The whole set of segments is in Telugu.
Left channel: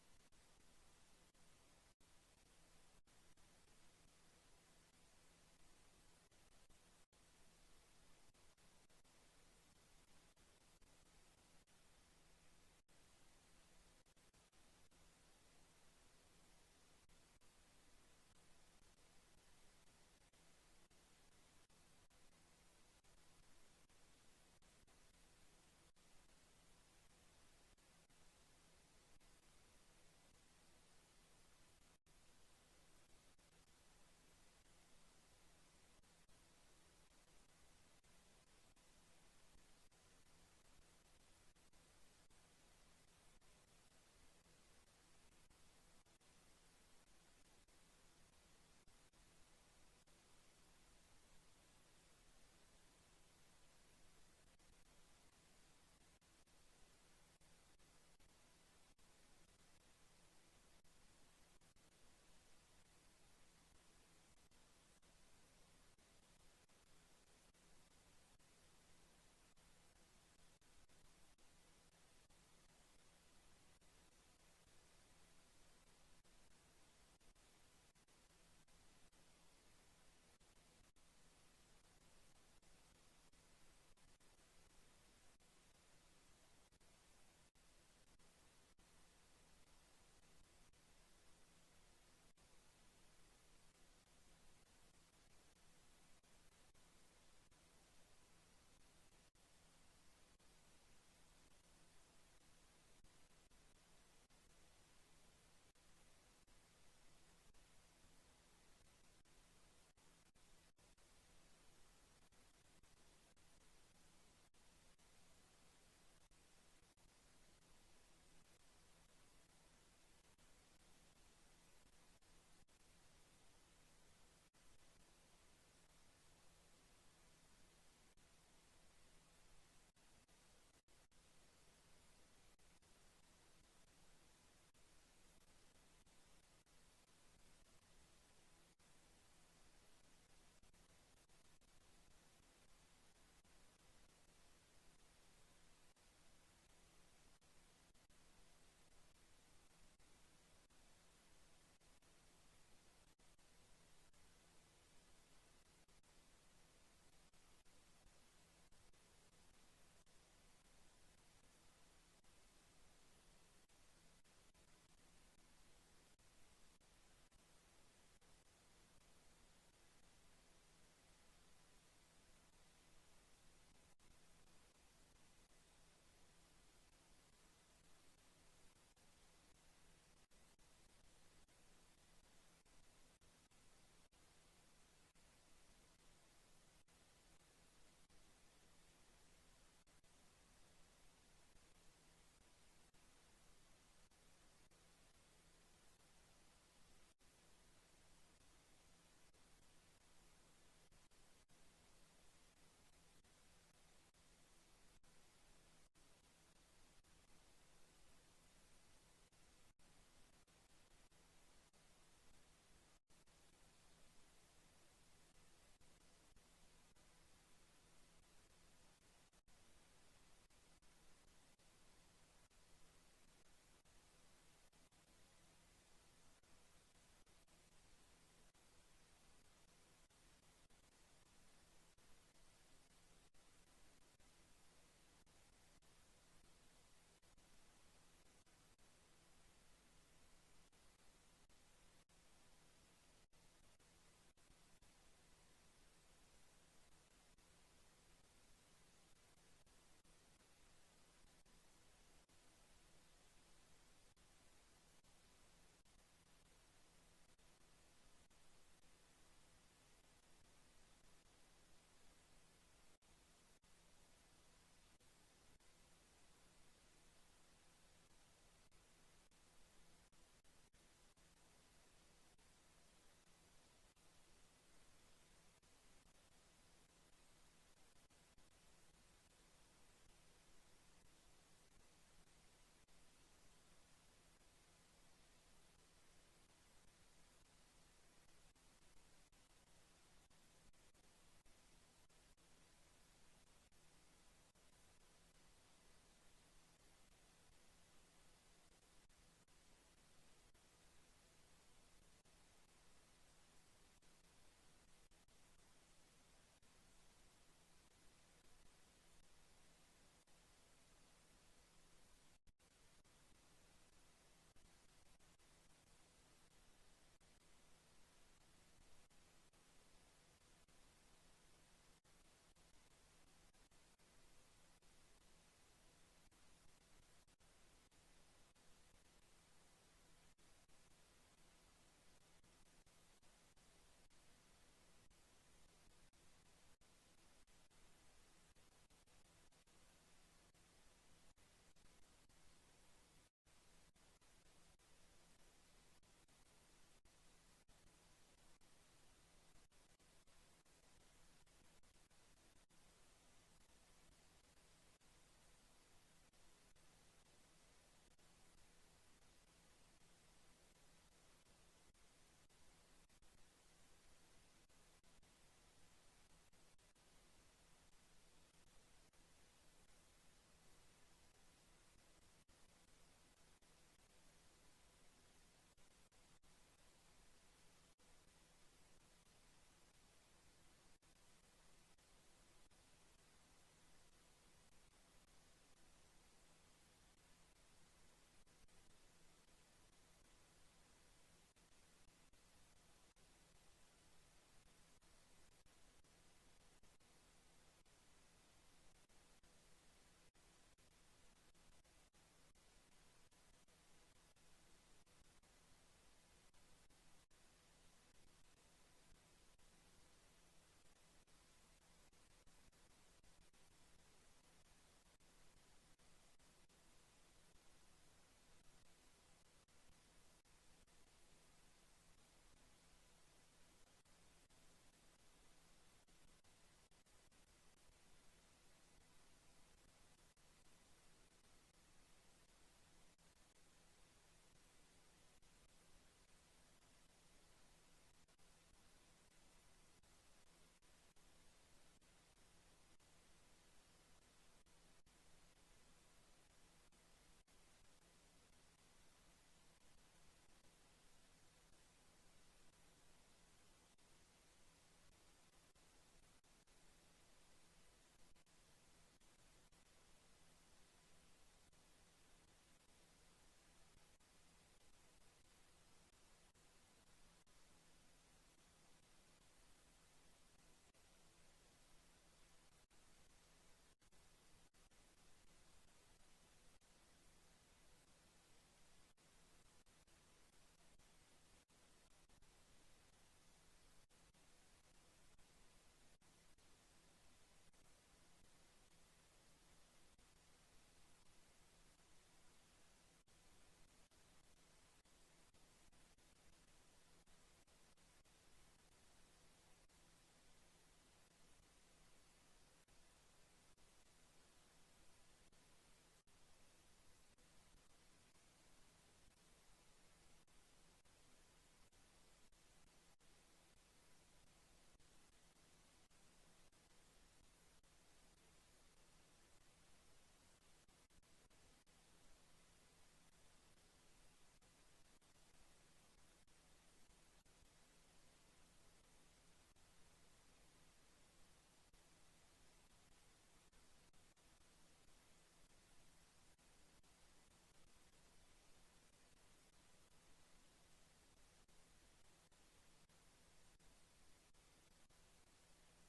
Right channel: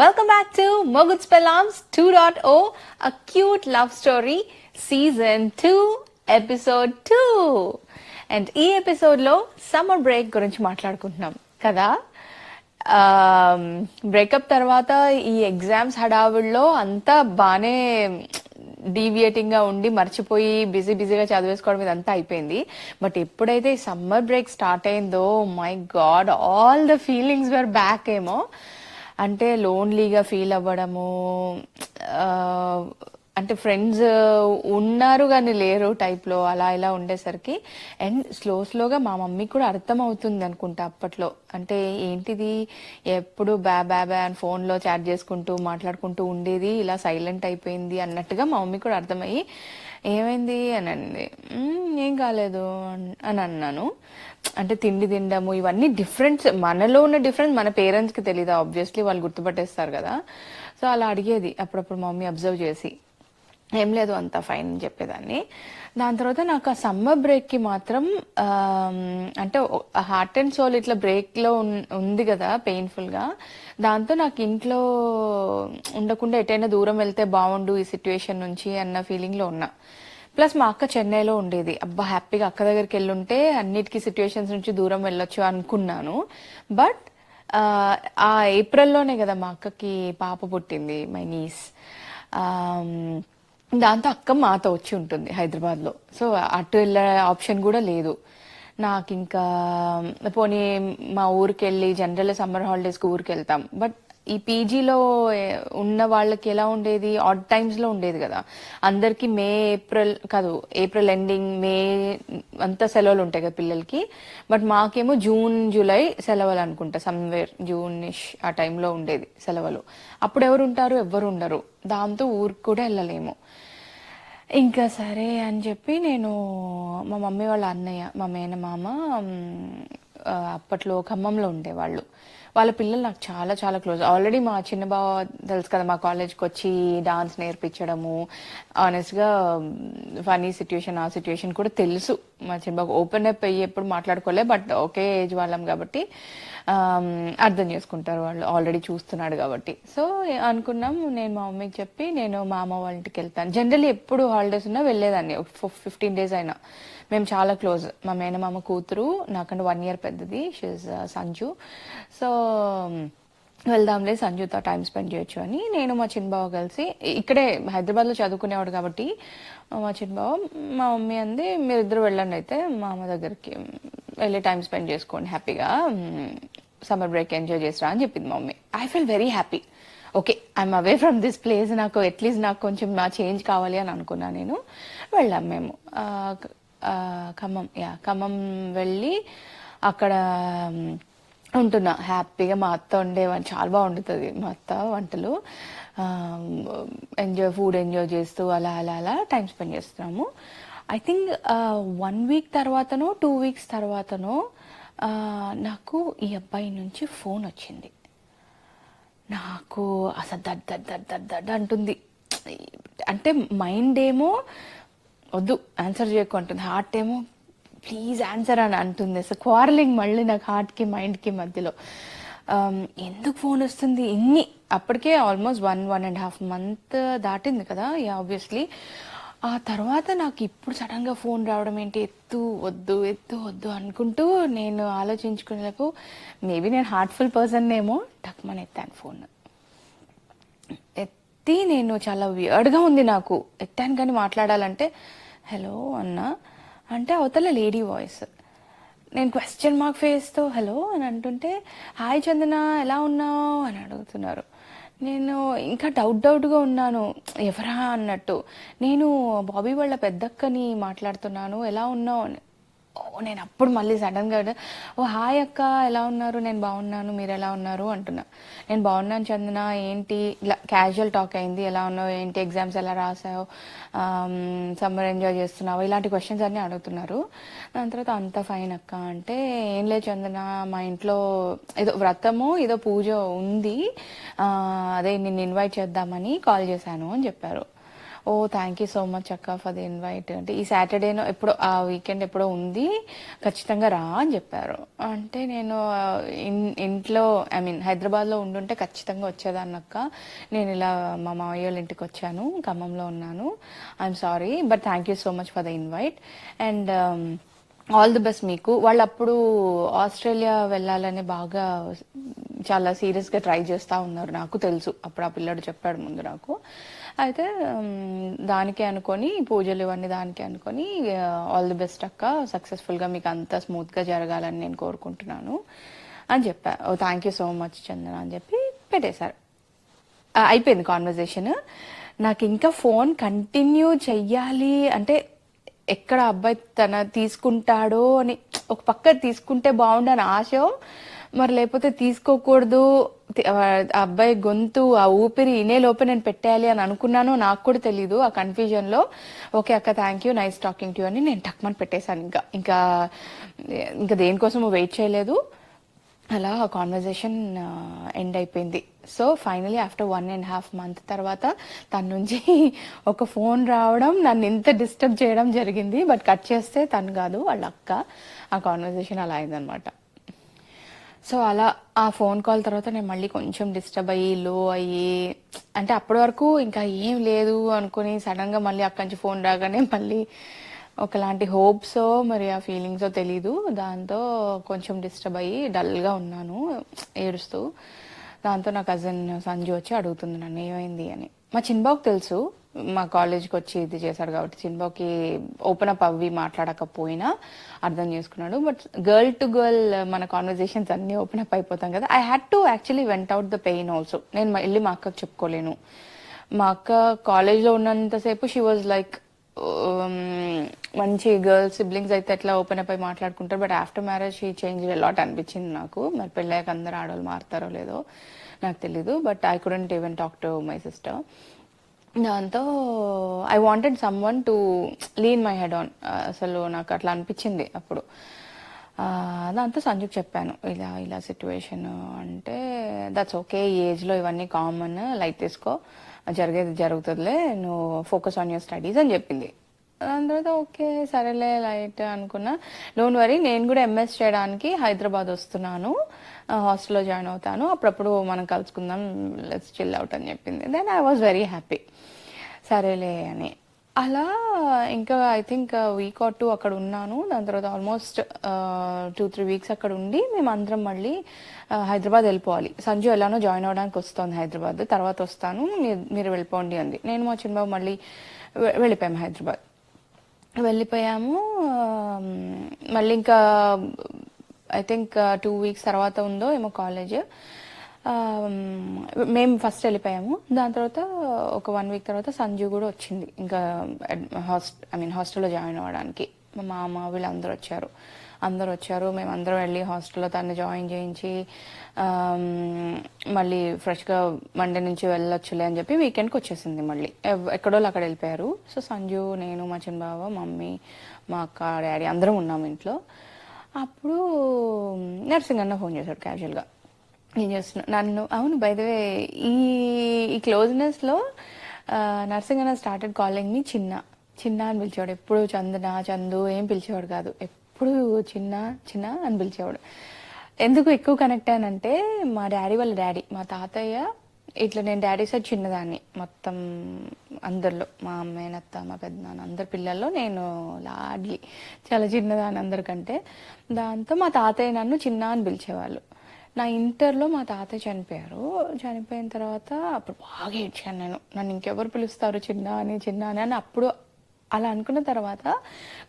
Welcome back to Moguts Pelams 2.0, a cute love story, season 2, episode 2. And ఈ ఎపిసోడ్ లో సమ్మర్ బ్రేక్ గురించి మాట్లాడుకుంటున్నాం కదా. బ్రేకప్ తర్వాత ఈ ఎగ్జామ్స్ హడావుల్లో అంతా బాగానే డీవియేటింగ్ గా ఉండి మర్చిపోయి బిజీగా చదివేసుకోవడం ఇదంతా అయిపోయింది. బట్ ఎప్పుడైతే ఈ సమ్మర్ బ్రేక్ స్టార్ట్ అయిందో, my God, all the feelings were back ఏమో. అంటే లోన్లీగా ఫీల్ అవ్వడము, ఆ, అంటే ఫ్రెండ్స్ ఉన్నారు కానీ లేరు టైప్లో అలా ఇలా ఉండేసరికి. అండ్ స్లోగా మా మమ్మీకి కూడా అర్థం అవుతుంది అనుకుంటా అప్పట్లో. అంటే ఏంటిది, ఎప్పుడు బ్యా అని ఫోన్లో చాట్ చేసుకుంటూ మాట్లాడుకుంటూ ఉండేది, ఇలా సైలెంట్ అయిపోయింది అన్నట్టుగా మా మమ్మీ కూడా అర్థమయ్యి ఏమైంది అని అంది. ఏం కాలేదు అని అన్నాను. అంటే తిండి తినడము ఇవన్నీ డిఫరెన్స్, మనలో ఉన్న డిఫరెన్స్ మన పేరెంట్స్కి తెలీదు, ఆబ్వియస్లీ వాళ్ళు గుర్తుపట్టేస్తారు కదా. సో అలా అడిగేది అప్పుడప్పుడు మమ్మీ అబ్జర్వ్ చేసి. ఏం లేదు, అంత ఫైన్ అని చెప్పేదాన్ని. దాని తర్వాత నాకు ఆ సమ్మర్ బ్రేక్కి మాత్రం అంటే హార్ట్ అండ్ సోల్ ఇట్లా బ్రేక్లో ఉంది కదా పెయిన్ఫుల్గా. దాంతో నాకు ఇంట్లో ఉండకుండా ఎటైనా దూరం వెళ్తే బాగుండు ఈ సిచ్యువేషన్ నుంచి అన్న ఫీలింగ్లో ఉన్నా. ప్లస్ మా అక్క చెన్నైలో ఉండేది. అబ్బా హ్యాపీగా అక్క దగ్గరికి వెళ్ళుంటే అన్నిటికీ సిచ్యువేషన్స్ నుంచి దూరం వెళ్ళొచ్చు అనుకున్నాను. బట్ ఆ ఏప్రిల్లోనే కదా మా అక్కకి పాప పుట్టింది, మై నీస్. దాంతో అక్క మాతో వచ్చి ఉంటుంది హైదరాబాద్లో. సో అటు వెళ్ళే ఆప్షన్ కూడా లేదు నాకు. ఇంకా పోనీ మా ఊరికి వెళ్ళి జనరల్ సమ్మర్ హాలిడేస్కి ఊరికి వెళ్తాం. బట్ ఈ పీజీలో ఉన్న వాళ్ళకి ఎలా ఉండేది, ఆడ్ టైమ్స్లో ఉండేది కదా. అందరికీ మే ఏప్రిల్ కాదు, ఏప్రిల్ ఎండింగ్ మే అంతా సెలవులు ఉంటాయి కదా పిల్లలకి. బట్ మాకేమో జూన్ జూలై సెలవులు అనుకుంటా, సమ్వేర్ జూనిష్ ఆ టైంలో ఉండేది సెలవులు. అప్పుడు ఎవరు ఉంటారు, ఎవ్వరు ఉండరు. దాంతో ఊరికి కూడా వెళ్ళలేము. ఇంకా సరే అని చెప్పి నేను, మా మమ్మీ వాళ్ళ అన్నయ్య, మా మేనమామ, అప్పట్లో ఖమ్మంలో ఉండేవాళ్ళు. వాళ్ళ పిల్లలు నాకు చాలా చాలా క్లోజ్. ఆల్రెడీ మా చిన్న బావ తెలుసు కదా, మా కాలేజ్కి వచ్చి డాన్స్ నేర్పించడము. ఆనెస్ట్గా ఫనీ సిచ్యువేషన్, ఆ సిచ్యువేషన్ కూడా తెలుసు. మా చిన్న బావ ఓపెన్ అప్ అయ్యి ఎప్పుడు మాట్లాడుకోలే, బట్ ఒకే ఏజ్ వాళ్ళం కాబట్టి అర్థం చేసుకుంటారు వాళ్ళు, ఆల్రెడీ చూస్తున్నాడు కాబట్టి. సో అనుకున్నాం, నేను మా మమ్మీకి చెప్పి నేను మా అమ్మ వాళ్ళ ఇంటికి వెళ్తాను. జనరల్లీ ఎప్పుడు హాలిడేస్ ఉన్నా వెళ్ళేదాన్ని, 15 days అయినా. మేము చాలా క్లోజ్. మా మేనమామ కూతురు నాకంటే 1 year పెద్దది, షీజ్ సంజు. సో వెళ్దాంలే సంజుతో టైం స్పెండ్ చేయొచ్చు అని నేను మా చిన్నబావ కలిసి, ఇక్కడే హైదరాబాద్లో చదువుకునేవాడు కాబట్టి మా చిన్నబావ, మా మమ్మీ అంది మీరిద్దరు వెళ్ళండి అయితే మా అమ్మ దగ్గరికి వెళ్ళి టైం స్పెండ్ చేసుకోండి హ్యాపీగా, సమ్మర్ బ్రేక్ ఎంజాయ్ చేసిరా అని చెప్పింది మా mummy. I feel very happy. Okay, I'm away from this place, నాకు అట్లీస్ట్ నాకు కొంచెం నా చేంజ్ కావాలి అని అనుకున్నాను నేను. వెళ్ళాం మేము ఖమ్మం వెళ్ళి అక్కడ ఉంటున్నా హ్యాపీగా. మా అత్త వండేవని చాలా బాగా వండుతుంది మా అత్త వంటలు. ఫుడ్ ఎంజాయ్ చేస్తూ అలా అలా అలా టైం స్పెండ్ చేస్తున్నాము. ఐ థింక్ 1 week తర్వాతనో 2 weeks తర్వాతనో నాకు ఈ అబ్బాయి నుంచి ఫోన్ వచ్చింది. నాకు అసలు దడ్ దడ్ దడ్ దడ్ దడ్ అంటుంది. అంటే మైండ్ ఏమో వద్దు ఆన్సర్ చేయకు అంటుంది, హార్ట్ ఏమో ప్లీజ్ ఆన్సర్ అని అంటుంది. అసలు క్వారలింగ్ మళ్ళీ నాకు హార్ట్కి మైండ్కి మధ్యలో. ఎందుకు ఫోన్ వస్తుంది ఇన్ని, అప్పటికే ఆల్మోస్ట్ 1.5 month దాటింది కదా. ఆబ్వియస్లీ ఆ తర్వాత నాకు ఇప్పుడు సడన్గా ఫోన్ రావడం ఏంటి, ఎత్తు వద్దు అనుకుంటూ నేను ఆలోచించుకునేలకు మేబీ నేను హార్ట్ఫుల్ పర్సన్ ఏమో, టక్మని ఎత్తాను ఫోన్. ఎత్తి నేను చాలా వియర్డ్గా ఉంది నాకు, ఎత్తాను కానీ మాట్లాడాలంటే హలో అన్నా అంటే అవతల లేడీ వాయిస్. నేను క్వశ్చన్ మార్క్ ఫేస్తో హలో అని అంటుంటే హాయ్ చందన ఎలా ఉన్నావు అని అడుగుతున్నారు. నేను ఇంకా డౌట్గా ఉన్నాను, ఎవరా అన్నట్టు. నేను బాబీ వాళ్ళ పెద్దక్కని మాట్లాడుతున్నాను, ఎలా ఉన్నావు అని. నేను అప్పుడు మళ్ళీ సడన్గా ఓ హాయ్ అక్క ఎలా ఉన్నారు, నేను బాగున్నాను, మీరు ఎలా ఉన్నారు అంటున్నా. నేను బాగున్నాను చందన, ఏంటి ఇలా క్యాజువల్ టాక్ అయింది, ఎలా ఉన్నావు ఏంటి, ఎగ్జామ్స్ ఎలా రాసావు, సమ్మర్ ఎంజాయ్ చేస్తున్నావు, ఇలాంటి క్వశ్చన్స్ అన్నీ అడుగుతున్నారు. దాని తర్వాత అంత ఫైన్ అక్క అంటే, ఏం లేదు చందన, మా ఇంట్లో ఏదో వ్రతము ఏదో పూజ ఉంది, అదే నిన్ను ఇన్వైట్ చేద్దామని కాల్ చేశాను అని చెప్పారు. ఓ థ్యాంక్ యూ సో మచ్ అక్క ఫర్ ది ఇన్వైట్. అంటే ఈ సాటర్డేనో ఎప్పుడో ఆ వీకెండ్ ఎప్పుడో ఉంది, ఖచ్చితంగా రా అని చెప్పారు. అంటే నేను ఇంట్లో ఐ మీన్ హైదరాబాద్లో ఉండుంటే ఖచ్చితంగా వచ్చేదాన్ని అక్క. నేను ఇలా మా మామయ్య వాళ్ళ ఇంటికి వచ్చాను, ఖమ్మంలో ఉన్నాను. I'm sorry but thank you so much for the invite. And all the best మీకు. వాళ్ళు అప్పుడు ఆస్ట్రేలియా వెళ్ళాలని బాగా చాలా సీరియస్గా ట్రై చేస్తూ ఉన్నారు, నాకు తెలుసు. అప్పుడు ఆ పిల్లాడు చెప్పాడు ముందు నాకు. అయితే దానికి అనుకొని పూజలు ఇవన్నీ దానికి అనుకొని ఆల్ ది బెస్ట్ అక్క, సక్సెస్ఫుల్గా మీకు అంతా స్మూత్గా జరగాలని నేను కోరుకుంటున్నాను అని చెప్పా. ఓ థ్యాంక్ యూ సో మచ్ చందన అని చెప్పి పెట్టేశారు. అయిపోయింది కాన్వర్జేషన్. నాకు ఇంకా ఫోన్ కంటిన్యూ చెయ్యాలి అంటే ఎక్కడ అబ్బాయి తన తీసుకుంటాడో అని, ఒక పక్క తీసుకుంటే బాగుండని ఆశ, మరి లేకపోతే తీసుకోకూడదు, ఆ అబ్బాయి గొంతు ఆ ఊపిరి ఇనే లోపే నేను పెట్టేయాలి అని అనుకున్నాను, నాకు కూడా తెలీదు. ఆ కన్ఫ్యూజన్లో ఓకే అక్క thank you nice talking to you అని నేను టక్మని పెట్టేశాను. ఇంకా ఇంకా ఇంకా దేనికోసం వెయిట్ చేయలేదు. అలా కాన్వర్జేషన్ ఎండ్ అయిపోయింది. సో ఫైనలీ ఆఫ్టర్ 1.5 months తర్వాత తన నుంచి ఒక ఫోన్ రావడం, నన్ను ఇంత డిస్టర్బ్ చేయడం జరిగింది. బట్ కట్ చేస్తే తను కాదు, వాళ్ళ అక్క. ఆ కాన్వర్జేషన్ అలా అయిందనమాట. సో అలా ఆ ఫోన్ కాల్ తర్వాత నేను మళ్ళీ కొంచెం డిస్టర్బ్ అయ్యి లో అయ్యి, అంటే అప్పటి వరకు ఇంకా ఏం లేదు అనుకుని సడన్గా మళ్ళీ అక్కడి నుంచి ఫోన్ రాగానే మళ్ళీ ఒకలాంటి హోప్సో మరి ఆ ఫీలింగ్సో తెలీదు, దాంతో కొంచెం డిస్టర్బ్ అయ్యి డల్గా ఉన్నాను ఏడుస్తూ. దాంతో నా కజిన్ సంజు వచ్చి అడుగుతుంది నన్ను ఏమైంది అని. మా చిన్బాబుకి తెలుసు, మా కాలేజ్కి వచ్చి ఇది చేశాడు కాబట్టి చిన్బాబుకి ఓపెన్ అప్ అవి మాట్లాడకపోయినా అర్థం చేసుకున్నాడు. బట్ గర్ల్ టు గర్ల్ మన కాన్వర్జేషన్స్ అన్నీ ఓపెన్ అప్ అయిపోతాం కదా. I had to actually went out the pain also. నేను వెళ్ళి మా అక్కకు చెప్పుకోలేను. మా అక్క కాలేజ్లో ఉన్నంతసేపు షీ వాజ్ లైక్ మంచి గర్ల్స్ సిబ్లింగ్స్ అయితే ఎట్లా ఓపెన్ అప్ అయి మాట్లాడుకుంటారు. But after marriage she change lot అనిపించింది నాకు. మరి పెళ్ళాక అందరు ఆడవాళ్ళు మారుతారో లేదో నాకు తెలీదు. But I couldn't even talk to my sister. దాంతో I wanted someone to lean my head on. అసలు నాకు అట్లా అనిపించింది అప్పుడు. దాంతో సంజుకి చెప్పాను ఇలా ఇలా సిచ్యువేషన్. అంటే దట్స్ ఓకే, ఈ ఏజ్లో ఇవన్నీ కామన్, లైట్ తీసుకో, జరిగేది జరుగుతుందిలే, నువ్వు ఫోకస్ ఆన్ యువర్ స్టడీస్ అని చెప్పింది. దాని తర్వాత ఓకే సరేలే లైట్ అనుకున్నా. డోంట్ వరీ, నేను కూడా ఎంఎస్ చేయడానికి హైదరాబాద్ వస్తున్నాను, హాస్టల్లో జాయిన్ అవుతాను, అప్పుడప్పుడు మనం కలుసుకుందాం, లెట్స్ చిల్ అవుట్ అని చెప్పింది. Then I was very happy. సరేలే అని అలా ఇంకా ఐ థింక్ వీక్ ఆర్ 2 అక్కడ ఉన్నాను. దాని తర్వాత ఆల్మోస్ట్ 2-3 weeks అక్కడ ఉండి మేము అందరం మళ్ళీ హైదరాబాద్ వెళ్ళిపోవాలి. సంజు ఎలానో జాయిన్ అవ్వడానికి వస్తుంది హైదరాబాద్, తర్వాత వస్తాను మీరు వెళ్ళిపోండి అంది. నేను మా చిన్నబాబు మళ్ళీ వెళ్ళిపోయాము హైదరాబాద్. వెళ్ళిపోయాము. మళ్ళీ ఇంకా ఐ థింక్ 2 weeks తర్వాత ఉందో ఏమో కాలేజ్. మేము ఫస్ట్ వెళ్ళిపోయాము. దాని తర్వాత ఒక 1 week తర్వాత సంజు కూడా వచ్చింది ఇంకా హాస్టల్లో జాయిన్ అవ్వడానికి. మా మామ వీళ్ళందరూ వచ్చారు. మేము అందరం వెళ్ళి హాస్టల్లో తను జాయిన్ చేయించి మళ్ళీ ఫ్రెష్గా మండే నుంచి వెళ్ళొచ్చులే అని చెప్పి వీకెండ్కి వచ్చేసింది. మళ్ళీ ఎక్కడోళ్ళు అక్కడ వెళ్ళిపోయారు. సో సంజు, నేను, మా చిన్న బావ, మమ్మీ, మా అక్క, డాడీ అందరం ఉన్నాము ఇంట్లో. అప్పుడు నర్సింగ్ అన్న ఫోన్ చేశాడు క్యాజువల్గా. ఏం చేస్తున్నా నన్ను, అవును బై ద వే ఈ ఈ క్లోజ్నెస్లో నర్సింగ్ అన్న స్టార్టెడ్ కాలింగ్ మీ చిన్న చిన్న అని పిలిచేవాడు. ఎప్పుడు చందు ఏం పిలిచేవాడు కాదు, ఎప్పుడు చిన్న చిన్న అని పిలిచేవాడు. ఎందుకు ఎక్కువ కనెక్ట్ అయ్యానంటే మా డాడీ వాళ్ళ డాడీ, మా తాతయ్య, ఇట్లా నేను డాడీ సైడ్ చిన్నదాన్ని మొత్తం అందరిలో. మా అమ్మాయినత్త, మా పెద్దనాన్న అందరి పిల్లల్లో నేను లాడ్లీ, చాలా చిన్నదాన్ని అందరికంటే. దాంతో మా తాతయ్య నన్ను చిన్న అని పిలిచేవాళ్ళు. నా ఇంటర్లో మా తాతయ్య చనిపోయారు. చనిపోయిన తర్వాత అప్పుడు బాగా ఏడ్చాను నేను, నన్ను ఇంకెవరు పిలుస్తారు చిన్న అని అప్పుడు అలా అనుకున్న తర్వాత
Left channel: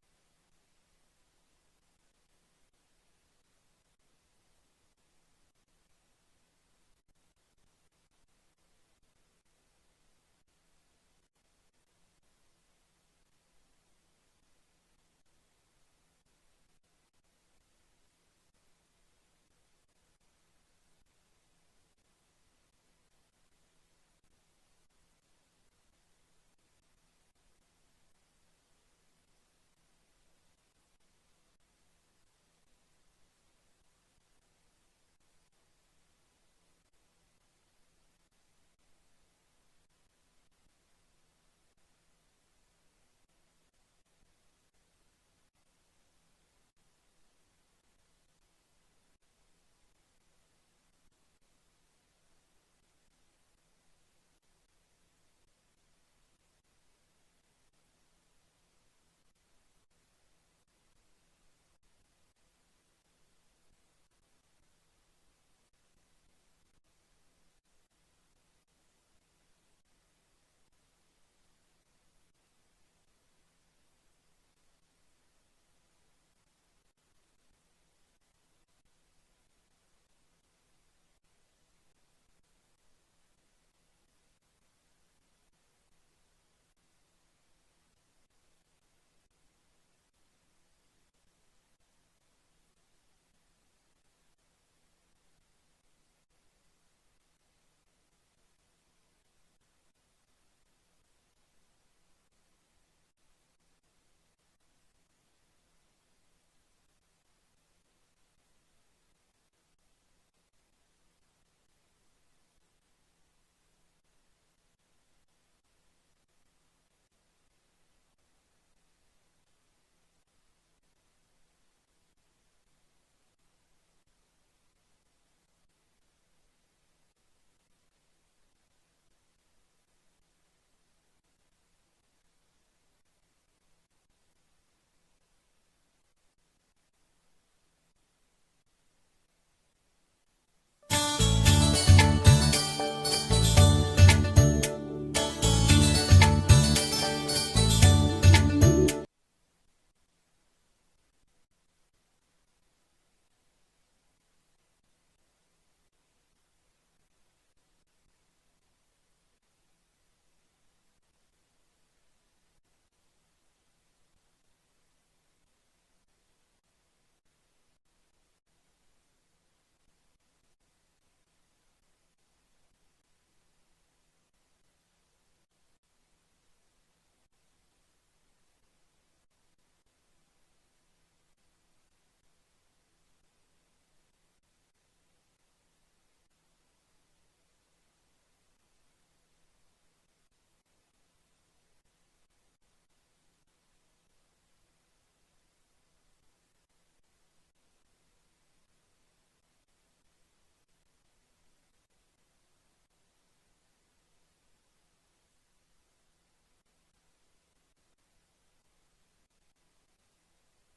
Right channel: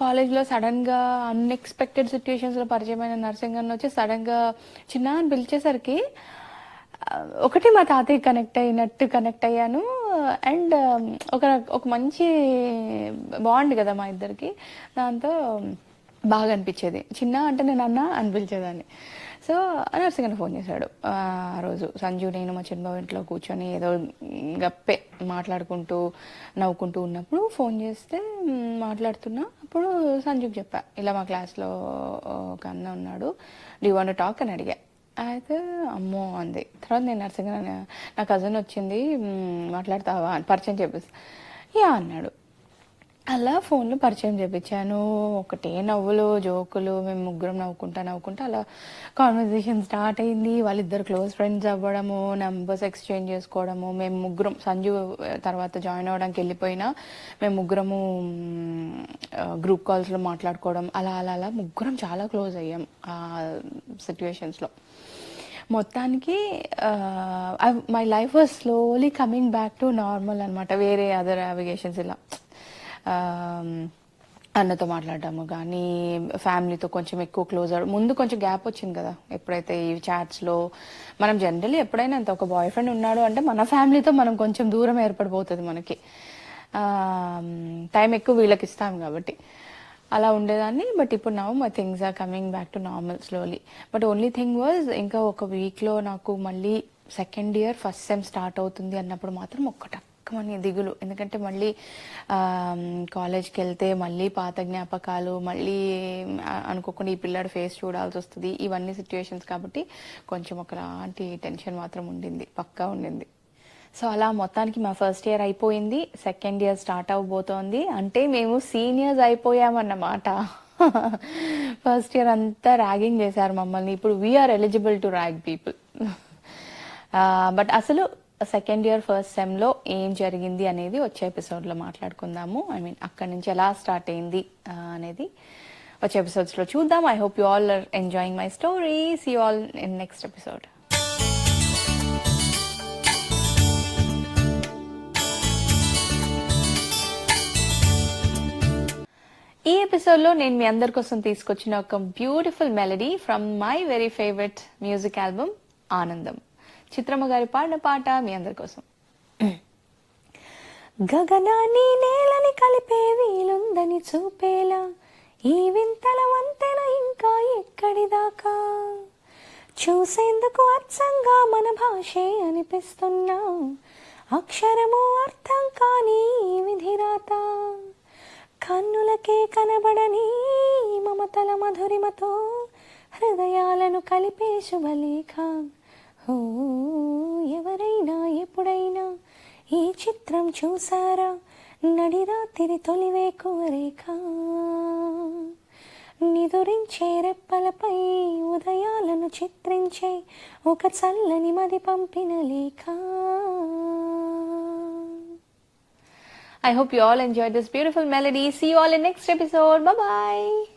కాలేజ్లో సడన్గా అన్ఎక్స్పెక్టెడ్ సిచ్యుయేషన్స్లో పరిచయమైన నర్సింగ్ అన్న వచ్చి సడన్గా చిన్న అని పిలిచేసరికి ఒకటి మా తాతయ్య కనెక్ట్ అయ్యాను. అండ్ ఒక ఒక మంచి బాండ్ కదా మా ఇద్దరికి. దాంతో బాగా అనిపించేది. చిన్న అంటే నేను అన్న అని పిలిచేదాన్ని. సో నర్సింగ్ అన్న ఫోన్ చేశాడు ఆ రోజు. సంజు, నేను, మా చిన్నబాబు ఇంట్లో కూర్చొని ఏదో గప్పే మాట్లాడుకుంటూ నవ్వుకుంటూ ఉన్నప్పుడు ఫోన్ చేస్తే మాట్లాడుతున్నా. అప్పుడు సంజుకి చెప్పా, ఇలా మా క్లాస్లో ఒక అన్న ఉన్నాడు, do you want to talk అని అడిగా. అయితే అమ్మో అంది. తర్వాత నేను నర్సింగ్ నా కజిన్ వచ్చింది, మాట్లాడతావా అని పరిచయం చెప్పేసి, యా అన్నాడు. అలా ఫోన్లో పరిచయం చేపించాను. ఒకటే నవ్వులు, జోకులు, మేము ముగ్గురం నవ్వుకుంటా నవ్వుకుంటా అలా కాన్వర్జేషన్ స్టార్ట్ అయింది. వాళ్ళిద్దరు క్లోజ్ ఫ్రెండ్స్ అవ్వడము, నెంబర్స్ ఎక్స్చేంజ్ చేసుకోవడము. మేము ముగ్గురం సంజు తర్వాత జాయిన్ అవ్వడానికి వెళ్ళిపోయినా మేము ముగ్గురము గ్రూప్ కాల్స్లో మాట్లాడుకోవడం, అలా అలా అలా ముగ్గురం చాలా క్లోజ్ అయ్యాం ఆ సిచ్యువేషన్స్లో. మొత్తానికి my life was slowly coming back to normal అనమాట. వేరే అదర్ నావిగేషన్స్ ఇలా అన్నతో మాట్లాడటము కానీ, ఫ్యామిలీతో కొంచెం ఎక్కువ క్లోజ్ అవ్వడం. ముందు కొంచెం గ్యాప్ వచ్చింది కదా, ఎప్పుడైతే ఈ చాట్స్లో మనం జనరల్లీ ఎప్పుడైనా అంత ఒక బాయ్ ఫ్రెండ్ ఉన్నాడు అంటే మన ఫ్యామిలీతో మనం కొంచెం దూరం ఏర్పడిపోతుంది మనకి. టైం ఎక్కువ వీళ్ళకి ఇస్తాం కాబట్టి అలా ఉండేదాన్ని. బట్ ఇప్పుడు now my things are coming back to normal slowly. But only thing was ఇంకా ఒక వీక్లో నాకు మళ్ళీ second year first sem start అవుతుంది అన్నప్పుడు మాత్రం ఒక్కటక్కమని దిగులు. ఎందుకంటే మళ్ళీ కాలేజ్కి వెళ్తే మళ్ళీ పాత జ్ఞాపకాలు, మళ్ళీ అనుకోకుండా ఈ పిల్లాడి ఫేస్ చూడాల్సి వస్తుంది, ఇవన్నీ సిచ్యువేషన్స్ కాబట్టి కొంచెం ఒకలాంటి టెన్షన్ మాత్రం ఉండింది, పక్కా ఉండింది. సో అలా మొత్తానికి మా ఫస్ట్ ఇయర్ అయిపోయింది, సెకండ్ ఇయర్ స్టార్ట్ అవబోతోంది. అంటే మేము సీనియర్స్ అయిపోయామన్నమాట. ఫస్ట్ ఇయర్ అంతా ర్యాగింగ్ చేశారు మమ్మల్ని. ఇప్పుడు we are eligible to rag people. But అసలు సెకండ్ ఇయర్ ఫస్ట్ సెమ్లో ఏం జరిగింది అనేది వచ్చే ఎపిసోడ్లో మాట్లాడుకుందాము. ఐ మీన్ అక్కడి నుంచి ఎలా స్టార్ట్ అయింది అనేది వచ్చే ఎపిసోడ్స్లో చూద్దాం. I hope you all are enjoying my story. See you all in next episode. ఈ ఎపిసోడ్లో నేను మీ అందరి కోసం తీసుకొచ్చిన ఒక beautiful melody from my very favourite music album Anandam. Chitramma గారి పాడిన పాట మీ అందరి కోసం. గగనాన్ని నేలని కలిపే వీలుందని చూపేలా ఈ వింతల వంతెన ఇంకా ఎక్కడి దాకా, చూసేందుకు అచ్చంగా మన భాషే అనిపిస్తున్నా అక్షరము అర్థం కాని విధిరాత, కన్నులకే కనబడని మమతల మధురిమతో హృదయాలను కలిపే శుభలేఖ. ఎవరైనా ఎప్పుడైనా ఈ చిత్రం చూసారా, నడిరాత్రి తొలివేకువ రేఖ, నిదురించే రెప్పలపై ఉదయాలను చిత్రించే ఒక చల్లని మది పంపిన లేఖ. I hope you all enjoyed this beautiful melody. See you all in next episode. Bye bye.